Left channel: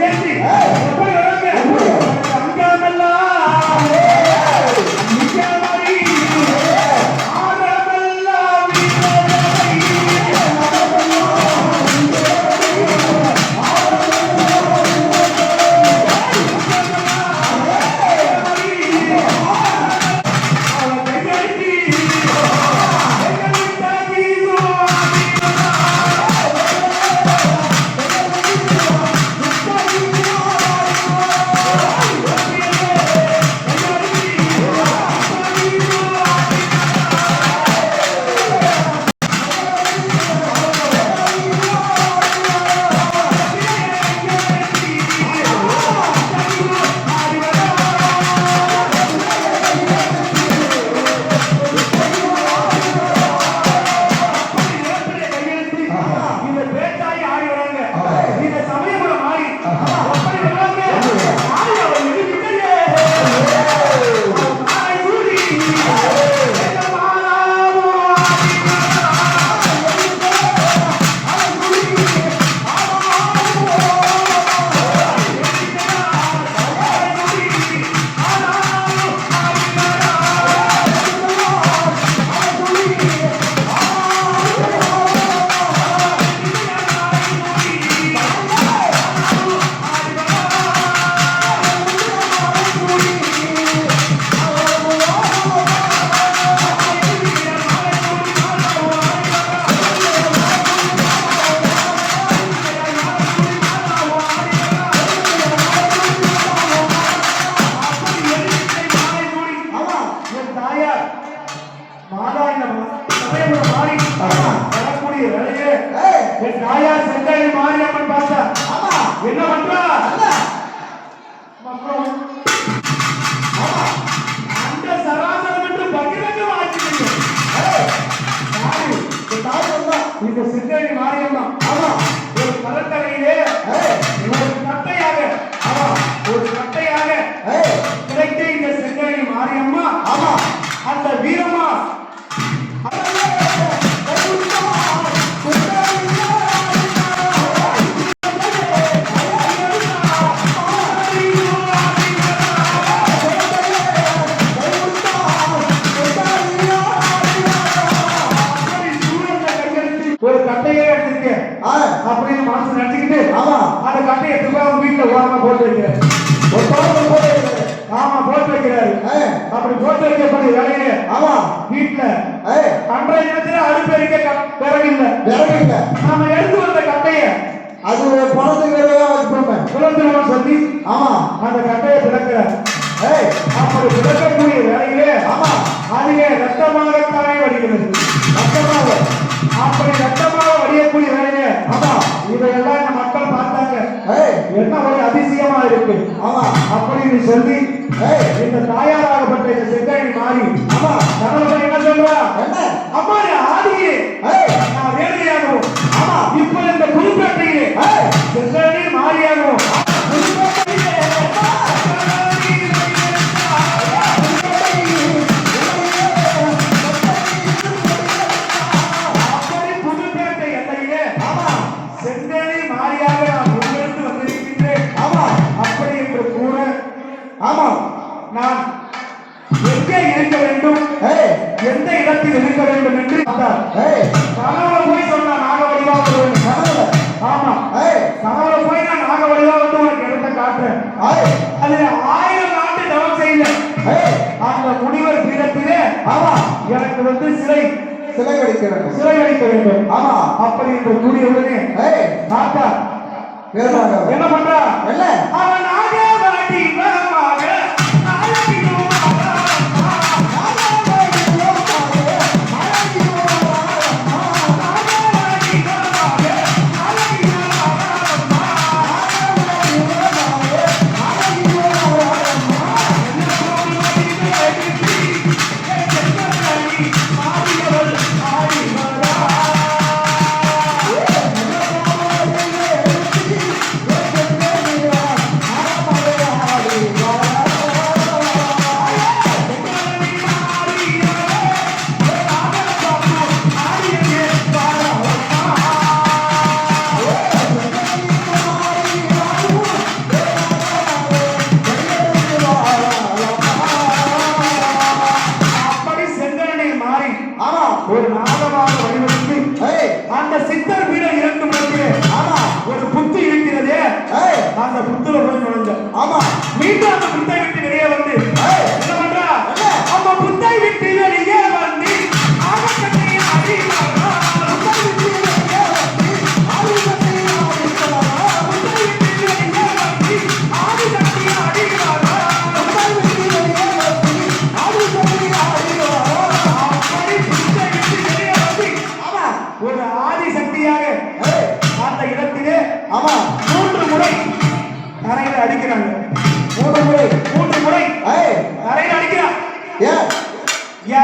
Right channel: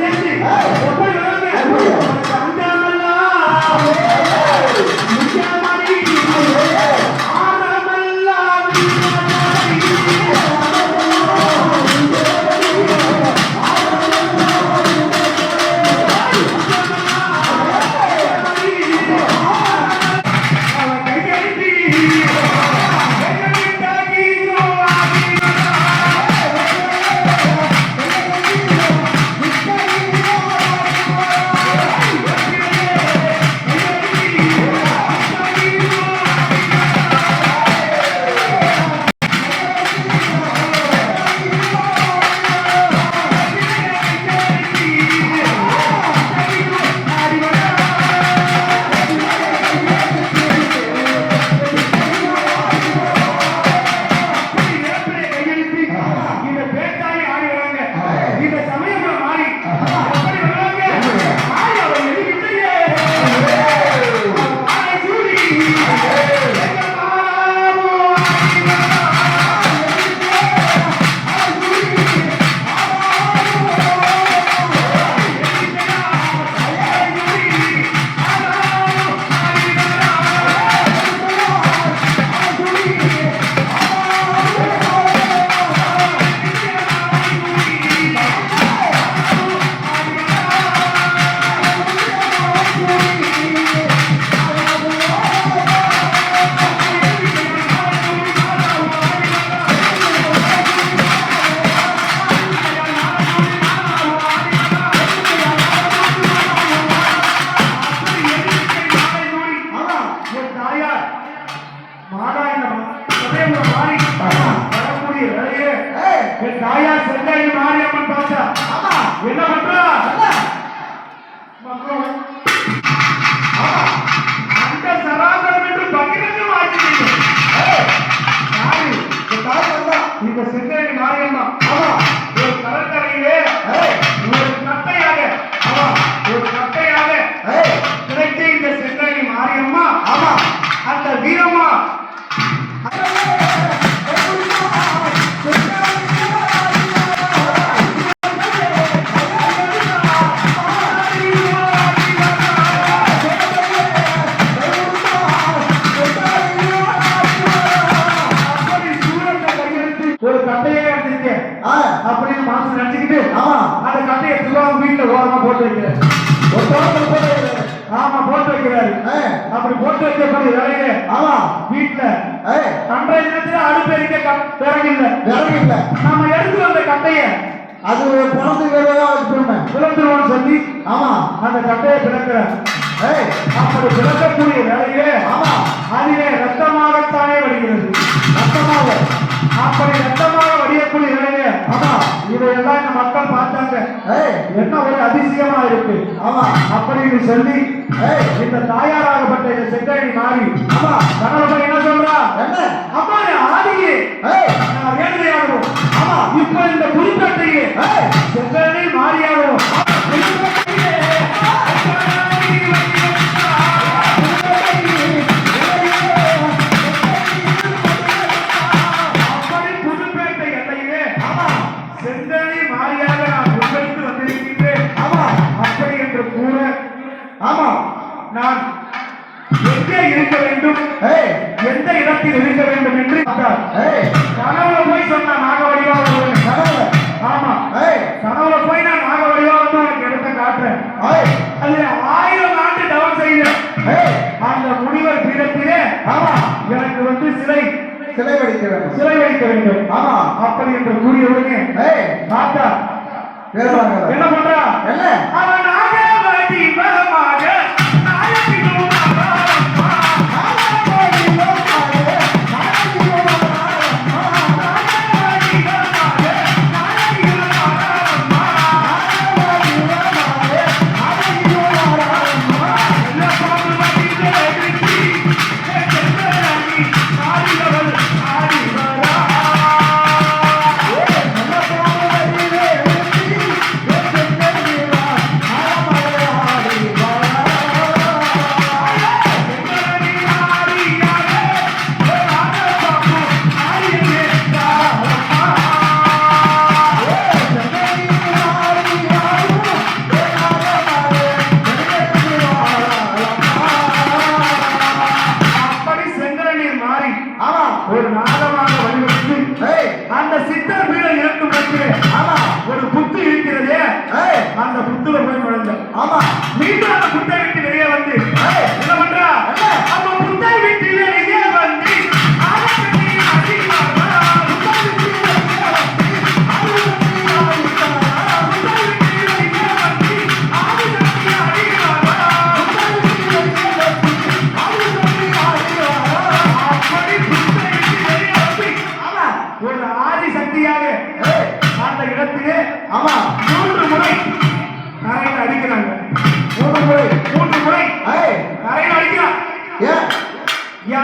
చేసి மாதாயமா மாறி வரக்கூடிய வேலையே என் தாயார் சந்தாயி மாரியம்மன் பார்த்தா ஆமா. என்ன? பண்றா மக்களும் அந்த சராசரம் என்று பகிரங்கம் ஆக்கிவிட்டோம் இந்த சிந்தை மாரியம்மா. ஆமா ஒரு கலந்தரையிலே ஒரு கட்டையாக ஆமா ஒரு கட்டையாக கிடைத்த இந்த சிந்தை மாரியம்மா. ஆமா. அந்த கையெழுத்து ஒரு கட்டையே எடுத்திருக்கேன் அப்படின்னு மனசு நினைச்சுக்கிட்டு ஆமா. அந்த கட்டையை திரும்ப வீட்டுல ஓரமா போட்டு வைக்கிறேன். போட்டு வைக்கிறாரு அப்படி போட்டு வைக்கக்கூடிய வேலையில ஆமா வீட்டுல அன்றைய தினத்துல அடுப்பு எரிக்க விறகு இல்ல விறகு இல்ல நாம எடுத்து வந்த கட்டைய அது பணத்துக்கு வச்சுக்கோங்க சொல்லி ஆமா. அந்த கட்டையை பிளக்கிறார். ஏய். அப்படி பிளக்கக்கூடிய வேலையிலே ஆமா. அதிலே ரத்தமாகத்தானே வடிகிறது. மொத்தமாக அப்படி ரத்தமாக வடியக்கூடிய வேலையிலே ஆமா. இதையெல்லாம் இந்த மக்கள் பார்த்தாங்க. ஏய். என்ன ஒரு அதிசயமா இருக்கு. ஆமா. அப்படின்னு சொல்லி இந்த தாயாராகப்பட்ட இந்த செங்கழி மாறி ஆமா கணவன் இருக்க வேண்டும். எந்த இடத்தில் இருக்க வேண்டும் என்று கனவுல போய் சொன்னா நாக வடிவா கனவுல ஆமா. கனவுல போய் நான் நாக வடிவா வந்து உனக்கு இடத்தை காட்டுறேன். அதுல ஆயிரம் ஆண்டு தவம் செய்வேன். அந்த முனிவர் பீடத்திலே ஆமா. எனக்கு வந்து சிலை சிலை வடிக்கிறேன் சிலை வைக்க வேண்டும். ஆமா. அப்படி என்று கூறிய உடனே தாத்தா என்ன பண்றா என்ன? நாக வடிவமாக நாயகியும் அழகம்மா. ஆமா மீண்டும் அந்த புத்தை விட்டு வெளியே வந்து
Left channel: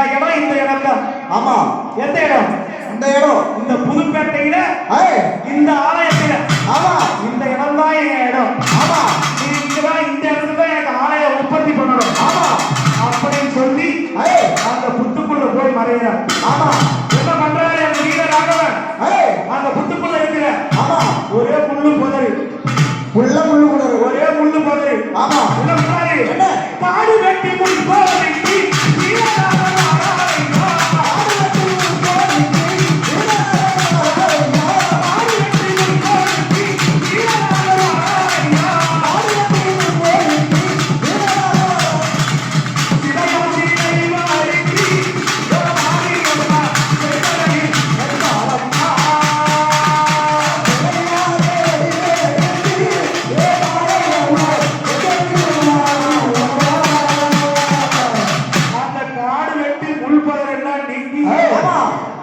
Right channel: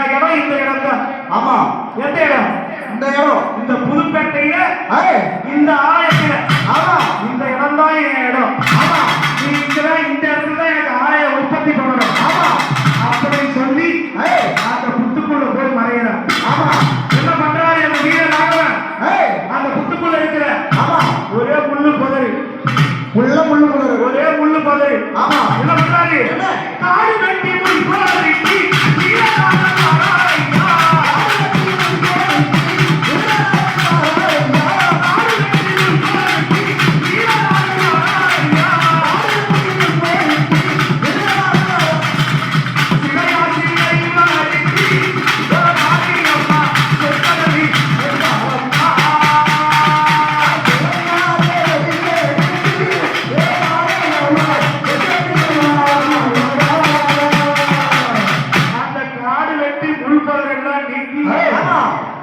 இடம் இந்த இடம் தான் ஆமா எந்த இடம்? இந்த இடம். இந்த புதுப்பேட்டையில இந்த ஆலயத்துல. ஆமா. இந்த இடம் தான் என் இடம். ஆமா. நீ இங்கதான் இந்த இடத்துல தான் எனக்கு ஆலயம் உற்பத்தி பண்ணணும். ஆமா. அப்படின்னு சொல்லி ஏய். அந்த புத்துக்குள்ள போய் மறைகிறார் ஆமா. என்ன பண்றாரு என் வீர ராகவன்? அந்த புத்துக்குள்ள இருக்கிற ஆமா. ஒரே முள்ளு புதரு உள்ள முள்ளு முள்ளு ஒரே முள்ளு புதரு ஆமா. என்ன பண்றாரு? என்ன? காடு வெட்டி முள் போரிட்டு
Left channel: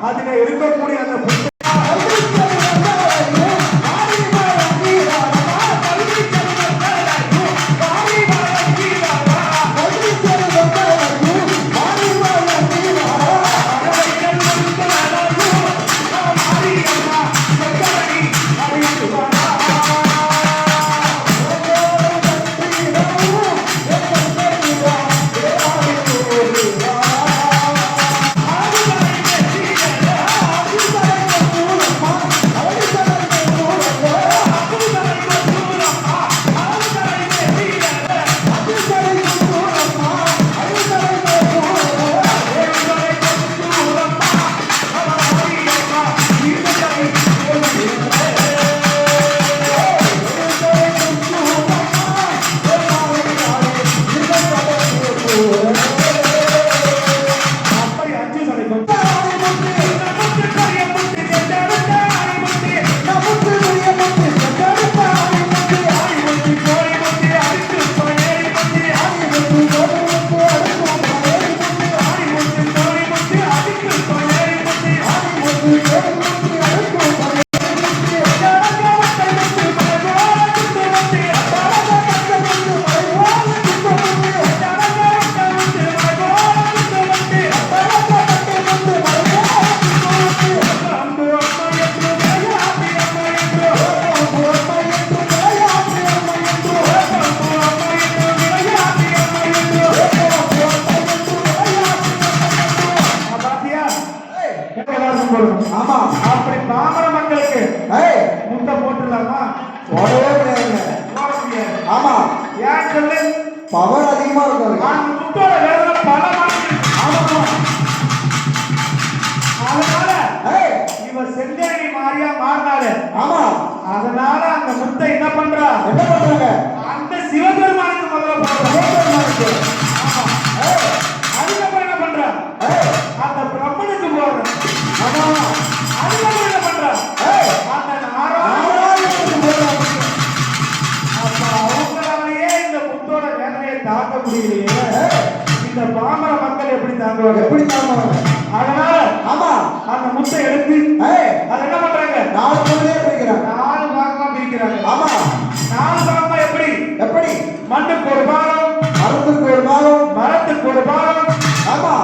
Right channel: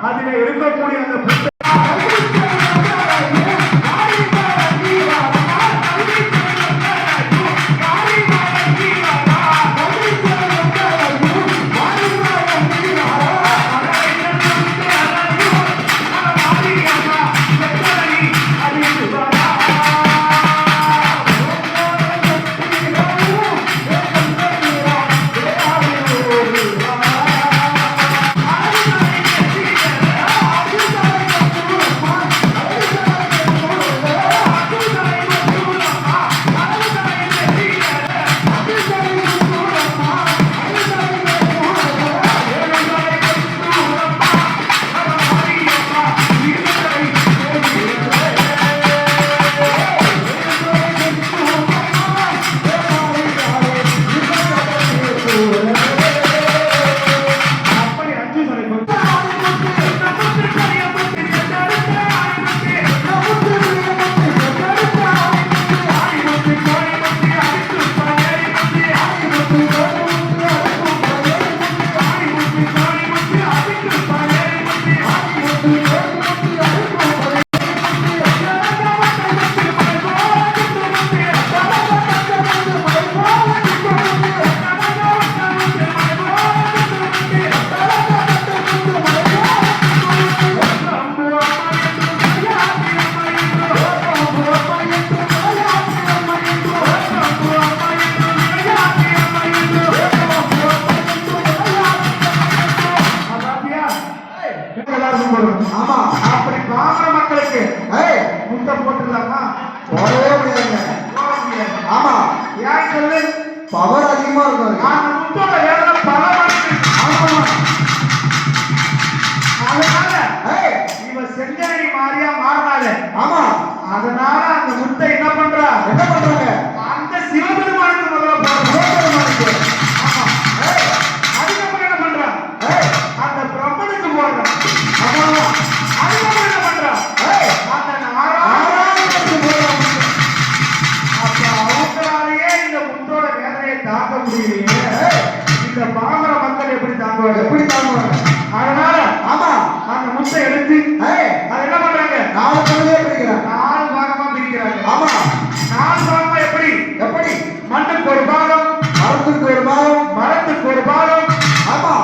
அதில் இருக்கக்கூடிய அந்த புத்தகம் போட்டுடலாமா? போடவே முடியாதுங்க. ஆமா. ஏன் சொல்லு? பவர் அதிகமா இருக்கும். அந்த முத்தோட வேதனை பல ஆமா. அதனால இவ செங்கரணி மாறியா மாறினாலே ஆமா. அதனால அந்த முத்தை என்ன பண்றா? என்ன பண்றாங்க? அந்த சிவபெருமானுக்கு முதல்ல போடுறா. முடியலையே இந்த பாமர மக்கள் எப்படி தாங்குவாங்க? எப்படி தாங்குவாங்க? அதனால ஆமா அந்த முட்டை எடுத்து அதை என்ன பண்றாங்க? நாலு பகுதியா பிரிக்கிறாங்க நாலு பாகமா பிரிக்கிறாங்க ஆமா. நாலு பாகமா எப்படி? எப்படி? மண்ணுக்கு ஒரு பாகம் மரத்துக்கு ஒரு பாகம் மரத்துக்கு ஒரு பாகம். ஆமா.